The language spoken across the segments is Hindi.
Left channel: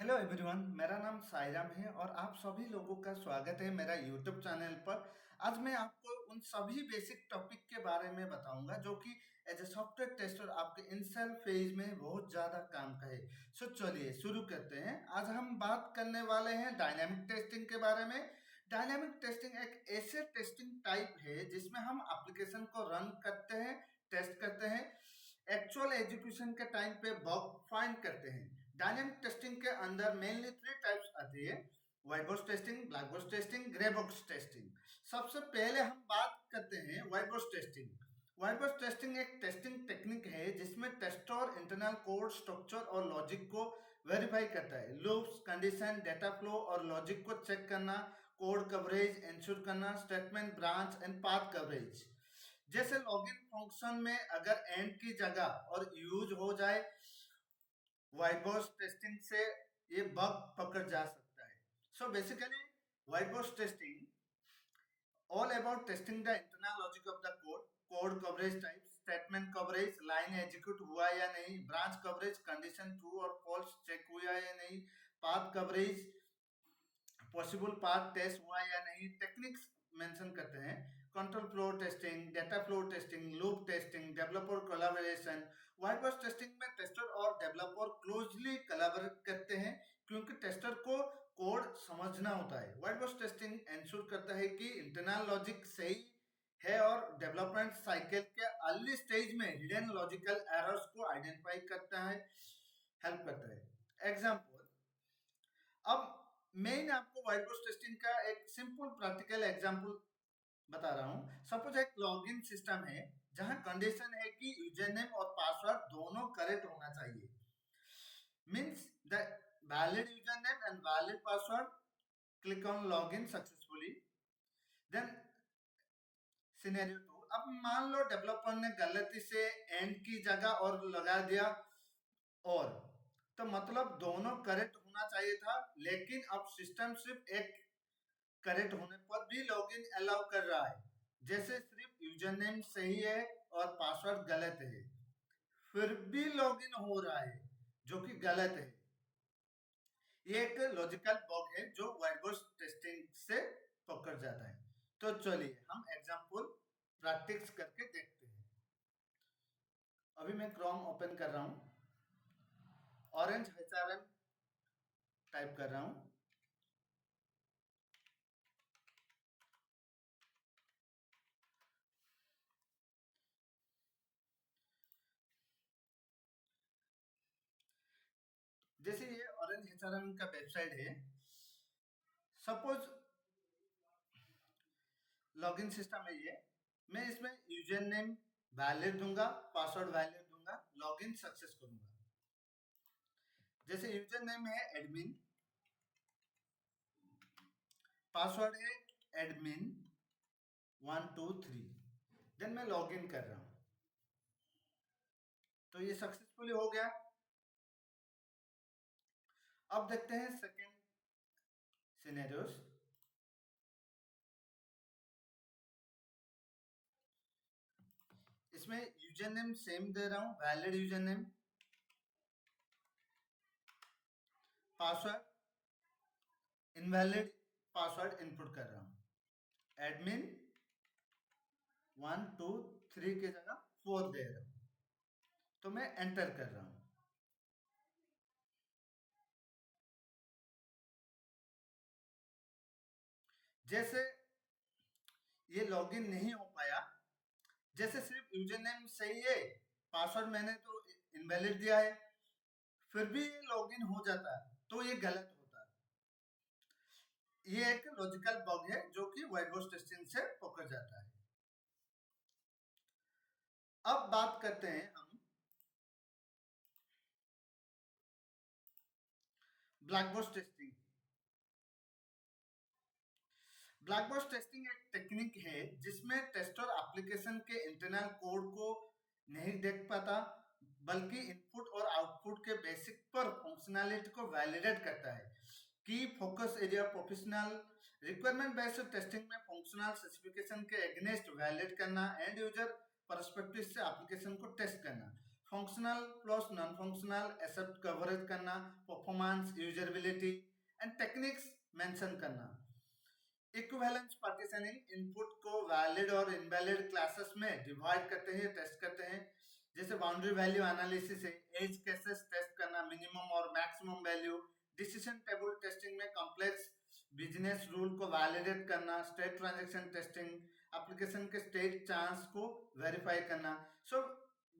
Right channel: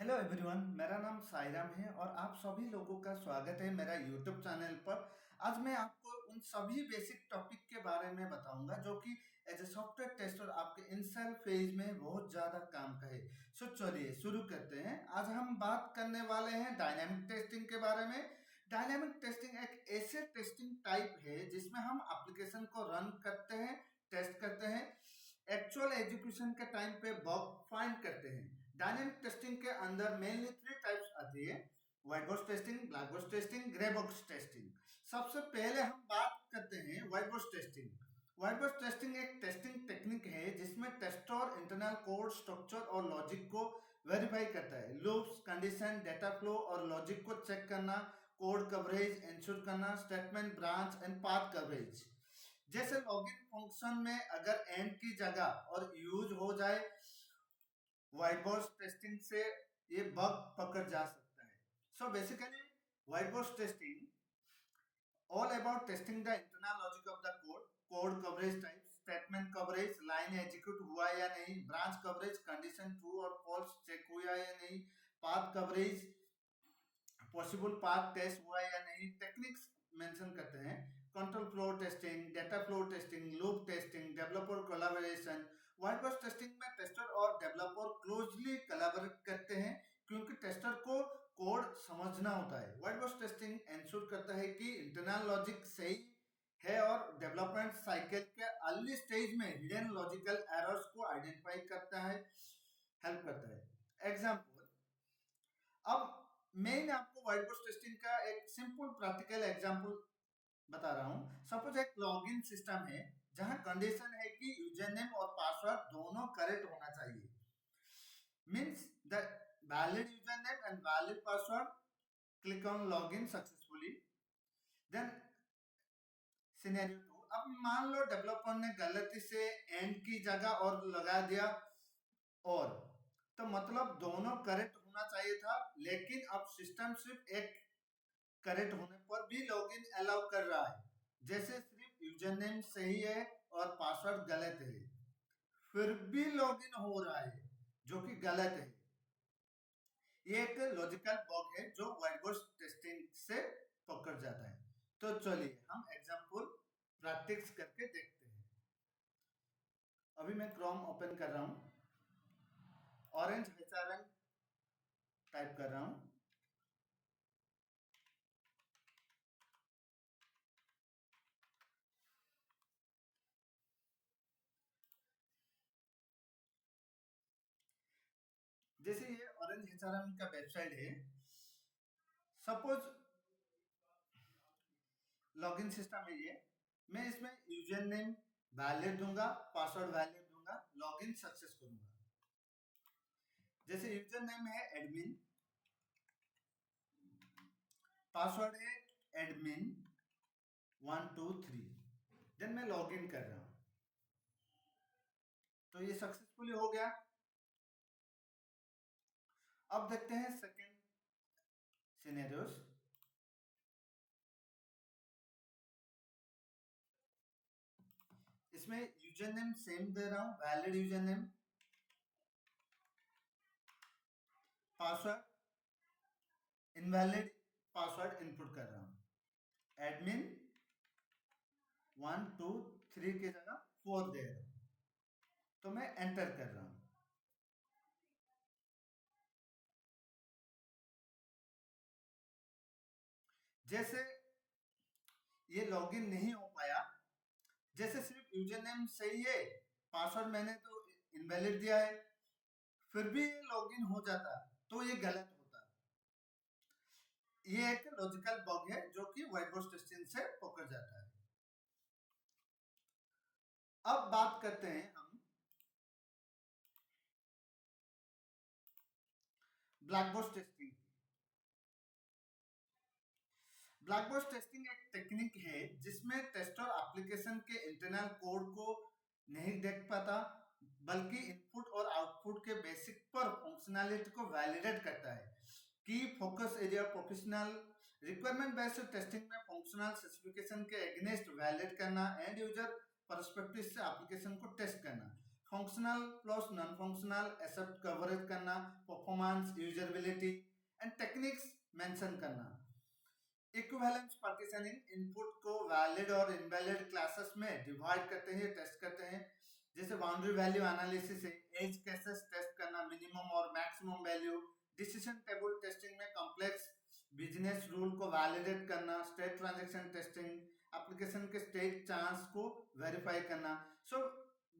हेलो एवरीवन, मेरा नाम साईराम है और आप सभी लोगों का स्वागत है मेरा यूट्यूब चैनल पर। आज मैं आपको उन सभी बेसिक टॉपिक के बारे में बताऊंगा जो कि एज ए सॉफ्टवेयर टेस्टर आपके इनिशियल फेज में बहुत ज़्यादा काम का है। सो चलिए शुरू करते हैं। आज हम बात करने वाले हैं डायनामिक टेस्टिंग के बारे में। डायनामिक टेस्टिंग एक ऐसे टेस्टिंग टाइप है जिसमें हम एप्लीकेशन को रन करते हैं, टेस्ट करते हैं, एक्चुअल एग्जीक्यूशन के टाइम पे बग फाइंड करते हैं। डायनेमिक टेस्टिंग के अंदर मेनली थ्री टाइप्स आती है: white box testing, black box testing, grey box testing. सबसे पहले हम बात करते हैं white box testing. White box testing एक टेस्टिंग टेक्निक है जिसमें टेस्टर इंटरनल कोड स्ट्रक्चर और लॉजिक को वेरीफाई करता है। लूप्स, कंडीशन, डेटा फ्लो और लॉजिक को चेक करना, कोड कवरेज इंश्योर करना, statement, branch and path coverage. जैसे लॉगिन फंक्शन में अगर एंड की जगह और यूज हो जाए, व्हाइट बॉक्स टेस्टिंग से ये बग पकड़ जा सकता है। So basically white box testing all about testing the internal logic of the code, code coverage type, statement coverage, line execute हुआ या नहीं, ब्रांच कवरेज, कंडीशन ट्रू और फॉल्स चेक हुआ या नहीं, path coverage, possible path test हुआ या नहीं। टेक्निक्स मेंशन करते हैं: control flow testing, data flow testing, loop testing, developer collaboration. White box testing में टेस्टर और डेवलपर क्लोजली कोलैबोरेट करते हैं क्योंकि टेस्टर को कोड समझना होता है। व्हाइट बॉक्स टेस्टिंग इंश्योर करता है कि इंटरनल लॉजिक सही है और डेवलपमेंट साइकिल के अर्ली स्टेज में हिडन लॉजिकल एरर्स को आइडेंटिफाई करता है, हेल्प करता है। एग्जांपल, अब मैं आपको व्हाइट बॉक्स टेस्टिंग का एक सिंपल प्रैक्टिकल एग्जांपल बता रहा हूँ। सपोज एक लॉगिन सिस्टम है जहां कंडीशन है कि यूजर नेम और पासवर्ड दोनों करेक्ट होना चाहिए। Means the valid user name and valid password, click on login successfully. Then scenario 2, अब मान लो डेवलपर ने गलती से एंड की जगह और लगा दिया, और तो मतलब दोनों करेक्ट होना चाहिए था, लेकिन अब सिस्टम सिर्फ एक करेक्ट होने पर भी लॉगिन अलाउ कर रहा है। जैसे सिर्फ यूजर नेम सही है और पासवर्ड गलत है, फिर भी लॉगिन हो रहा है, जो कि गलत है। ये एक लॉजिकल बग है जो व्हाइट बॉक्स टेस्टिंग से पकड़ जाता है। तो चलिए हम एग्जांपल प्रैक्टिस करके देखते हैं। अभी मैं क्रोम ओपन कर रहा हूँ, ऑरेंज एचआरएम टाइप कर रहा हूँ। जैसे ये ऑरेंज एचआरएम का वेबसाइट है। सपोज लॉगिन सिस्टम है ये। मैं इसमें यूजर नेम वैलिड दूंगा, पासवर्ड वैलिड दूंगा, लॉगिन सक्सेस करूंगा। जैसे यूजर नेम है एडमिन, पासवर्ड है एडमिन 123, देन मैं लॉगिन कर रहा हूं। तो ये सक्सेसफुली हो गया। अब देखते हैं सेकेंड सिनेरियोस। इसमें यूजर नेम सेम दे रहा हूं, valid user name, password invalid password input कर रहा हूं। एडमिन 123 की जगह 4 दे रहा हूं, तो मैं एंटर कर रहा हूं। जैसे ये लॉगिन नहीं हो पाया, जैसे सिर्फ यूजर नेम सही है, पासवर्ड मैंने तो इनवैलिड दिया है, फिर भी ये लॉगिन हो जाता, तो ये गलत होता। ये एक लॉजिकल बग है जो कि व्हाइट बॉक्स टेस्टिंग से पकड़ जाता है। अब बात करते हैं हम black box testing. Black box testing एक टेक्निक है जिसमें टेस्टर एप्लीकेशन के इंटरनल कोड को नहीं देख पाता, बल्कि इनपुट और आउटपुट के बेसिक पर फंक्शनैलिटी को वैलिडेट करता है। की focus area professional requirement based testing में फंक्शनल स्पेसिफिकेशन के अगेंस्ट वैलिडेट करना, एंड यूजर पर्सपेक्टिव से एप्लीकेशन को टेस्ट करना। Functional plus non functional accept coverage करना, परफॉर्मेंस, यूजरेबिलिटी एंड टेक्निक्स मेंशन करना। इक्विवेलेंस पार्टीशनिंग, इनपुट को वैलिड और इनवैलिड क्लासेस में डिवाइड करते हैं, टेस्ट करते हैं। जैसे बाउंड्री वैल्यू एनालिसिस है, एज केसेस टेस्ट करना, मिनिमम और maximum value. Decision table testing में कॉम्प्लेक्स बिजनेस रूल को वैलिडेट करना। स्टेट ट्रांजैक्शन टेस्टिंग, एप्लीकेशन के स्टेट चांस को वेरीफाई करना। So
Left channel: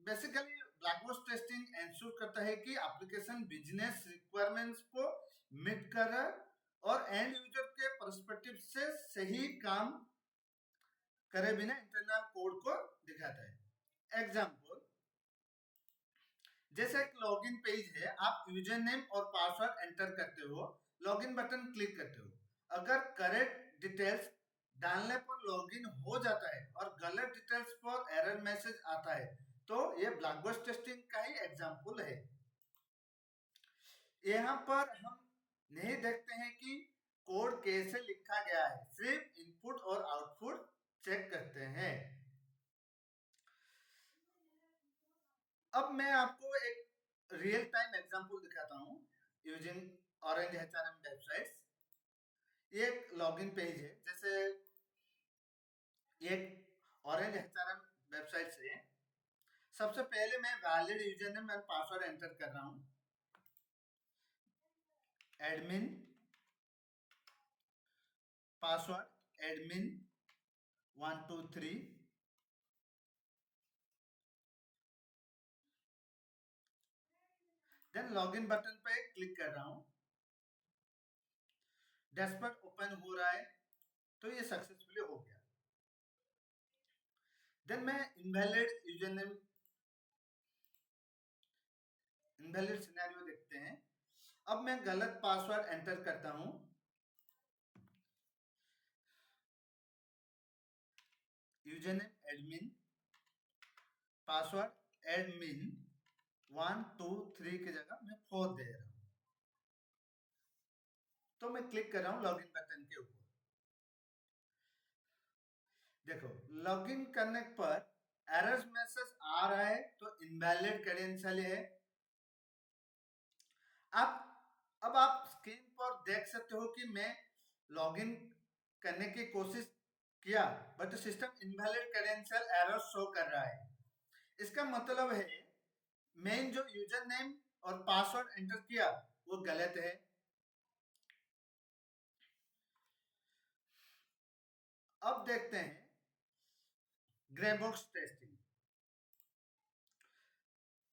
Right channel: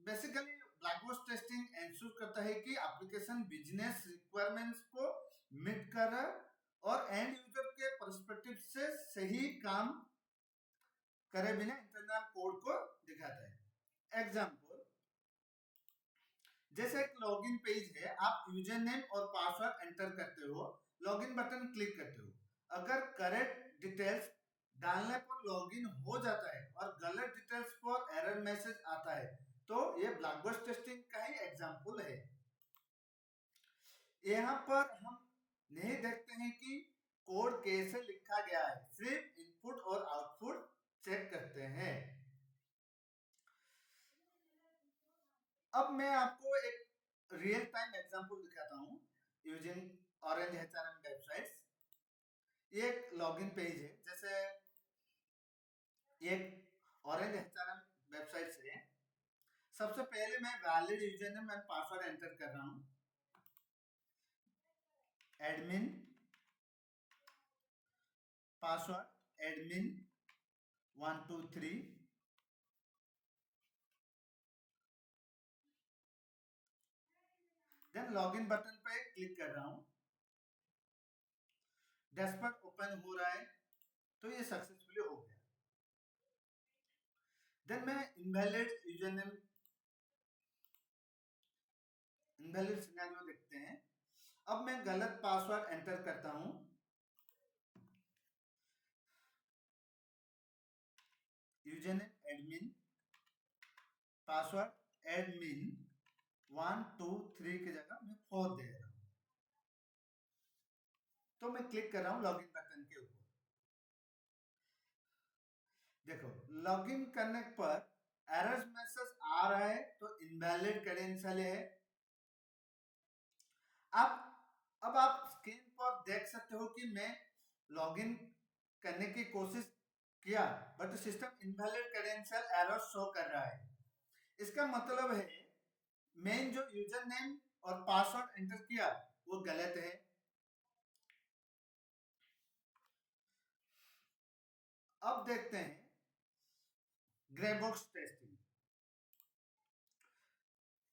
basically black box testing ensure करता है कि एप्लीकेशन बिजनेस रिक्वायरमेंट्स को मीट कर रहा है और एंड यूजर के पर्सपेक्टिव से सही काम करे बिना इंटरनल कोड को दिखाता है। एग्जाम्पल, जैसे एक लॉगिन पेज है, आप यूजर नेम और पासवर्ड एंटर करते हो, लॉगिन बटन क्लिक करते हो। अगर करेक्ट डिटेल्स डालने पर लॉगिन हो जाता है और गलत डिटेल्स पर एरर मैसेज आता है, तो ये ब्लैक बॉक्स टेस्टिंग का ही एग्जाम्पल है। यहाँ पर हम नहीं देखते हैं कि कोड कैसे लिखा गया है, सिर्फ इनपुट और आउटपुट चेक करते हैं। अब मैं आपको एक रियल टाइम एग्जांपल दिखाता हूँ यूजिंग ऑरेंज एचआरएम वेबसाइट्स। ये एक लॉगिन पेज है, जैसे एक ऑरेंज एचआरएम वेबसाइट से सबसे पहले मैं valid user name and password enter कर रहा हूँ। Admin password admin 123। Then login button पे क्लिक कर रहा हूँ। डैशबोर्ड ओपन हो रहा है, तो ये सक्सेसफुली हो गया। देन मैं invalid user name, invalid scenario देखते हैं। अब मैं गलत पासवर्ड एंटर करता हूँ। User name admin, password admin 123 की जगह मैं 4 दे रहा हूँ। तो मैं क्लिक कर रहा हूँ लॉगिन बटन के ऊपर। देखो, लॉगिन करने पर एरर्स मैसेज आ रहा है, तो इनवैलिड क्रेडेंशियल है। अब आप स्क्रीन पर देख सकते हो कि मैं लॉगिन करने की कोशिश किया, but system invalid credential error show कर रहा है। इसका मतलब है मैंने जो यूजर नेम और पासवर्ड एंटर किया वो गलत है। अब देखते हैं ग्रे बॉक्स टेस्टिंग।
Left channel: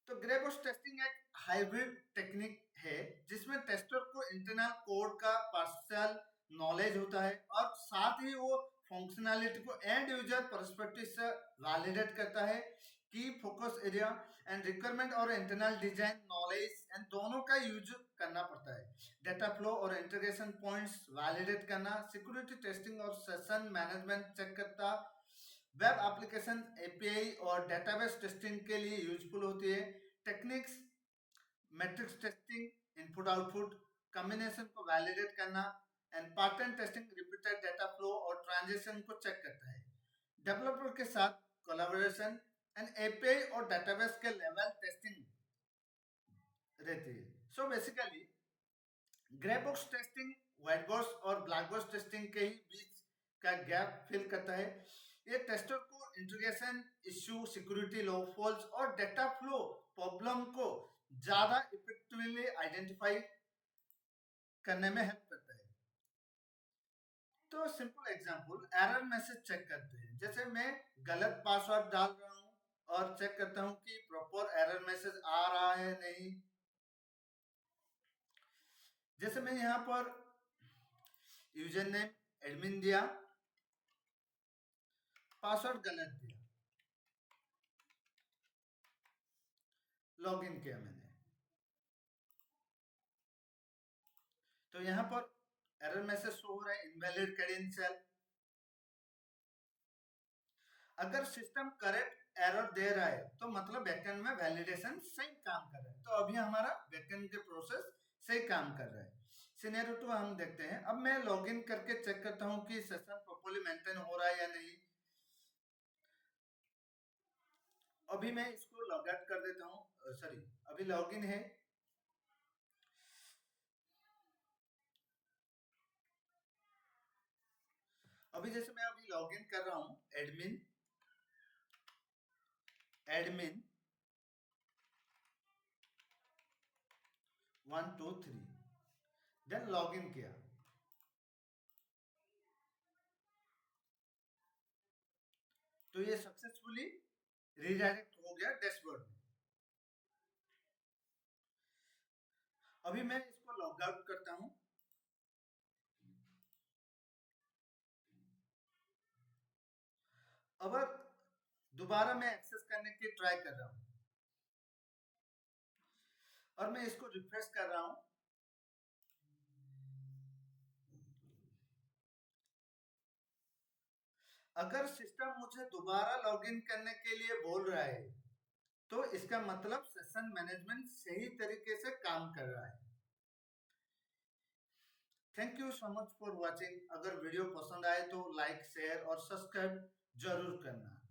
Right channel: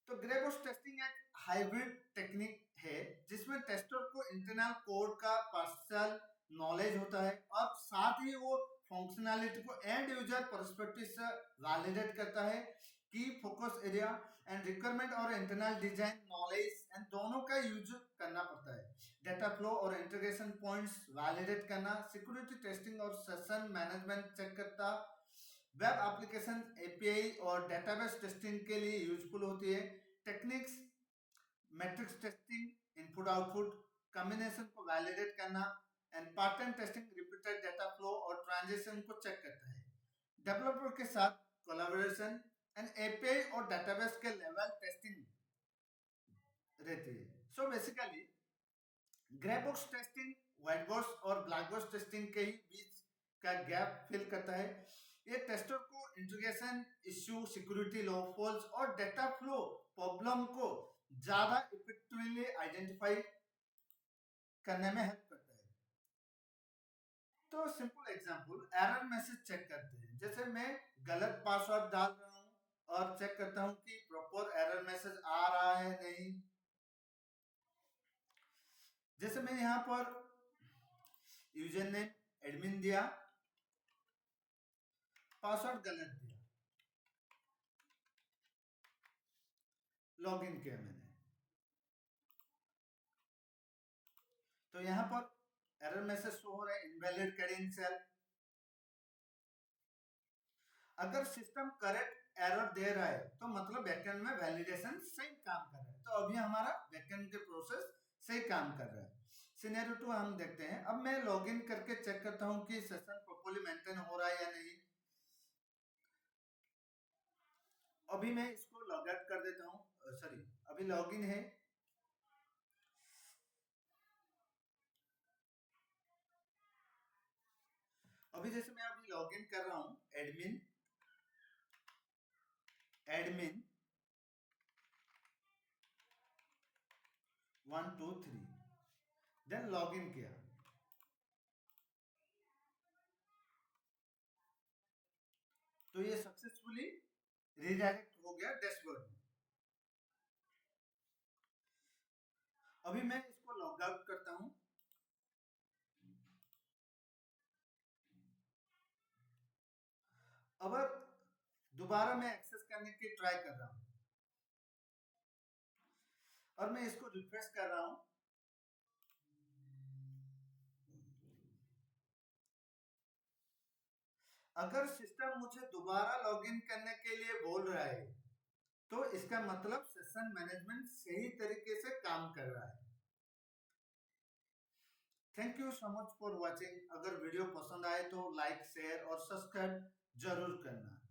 तो ग्रे बॉक्स टेस्टिंग एक हाइब्रिड टेक्निक है जिसमें टेस्टर को इंटरनल कोड का पार्शियल नॉलेज होता है और साथ ही वो फंक्शनैलिटी को एंड यूजर पर्सपेक्टिव से वैलिडेट करता है। की फोकस एरिया एंड रिक्वायरमेंट और इंटरनल डिजाइन नॉलेज एंड दोनों का यूज करना पड़ता है। डेटा फ्लो और इंटीग्रेशन पॉइंट्स वैलिडेट करना, सिक्योरिटी टेस्टिंग और सेशन मैनेजमेंट चेक करता, वेब एप्लीकेशन एपीआई और डेटाबेस टेस्टिंग के लिए यूजफुल होती है। Techniques, matrix testing, input output combination को वैलिडेट करना and pattern testing repeated data flow और ट्रांजैक्शन को चेक करता है। डेवलपर के साथ कोलैबोरेशन एंड एपीआई और डेटाबेस के लेवल टेस्टिंग रहती है। So basically grey box testing white box और ब्लैक बॉक्स टेस्टिंग के ही बीच का गैप फिल करता है। ये टेस्टर को इंटीग्रेशन इश्यू, सिक्योरिटी लॉफॉल्स और डेटा फ्लो प्रॉब्लम को ज्यादा इफेक्टिवली आइडेंटिफाई करने में हेल्प करता है। तो simple example, error message check करते हैं। जैसे मैं गलत पासवर्ड डाल रहा हूँ और चेक करता हूँ कि प्रॉपर एरर मैसेज आ रहा है नहीं। जैसे मैं यहाँ पर यूजर नेम एडमिन दिया, पासवर्ड गलत दिया, लॉगिन किया मैंने, तो यहाँ पर एरर मैसेज शो हो रहा है इनवैलिड क्रेडेंशियल। अगर सिस्टम करेक्ट एरर दे रहा है तो मतलब बैकएंड में वैलिडेशन सही काम कर रहा है। तो अभी हमारा बैकएंड के प्रोसेस सही काम कर रहा है। सिनेरियो 2 हम देखते हैं। अब मैं लॉगिन करके चेक करता हूँ कि सिस्टम प्रॉपर्ली मेंटेन हो रहा है या नहीं। अभी मैं इसको लॉग आउट कर देता हूँ सॉरी, अभी लॉगिन है। अभी जैसे मैं अभी लॉगिन कर रहा हूँ, एडमिन एडमिन 1 2 3, देन लॉगिन किया तो ये सक्सेसफुली रिडायरेक्ट हो गया डैशबोर्ड में। अभी मैं इसको लॉग आउट करता हूँ। अब दोबारा मैं एक्सेस करने की ट्राई कर रहा हूँ और मैं इसको रिफ्रेश कर रहा हूँ। अगर सिस्टम मुझे दोबारा लॉगिन करने के लिए बोल रहा है तो इसका मतलब सेशन मैनेजमेंट सही तरीके से काम कर रहा है। Thank you so much for watching. अगर वीडियो पसंद आए तो लाइक शेयर और सब्सक्राइब जरूर करना।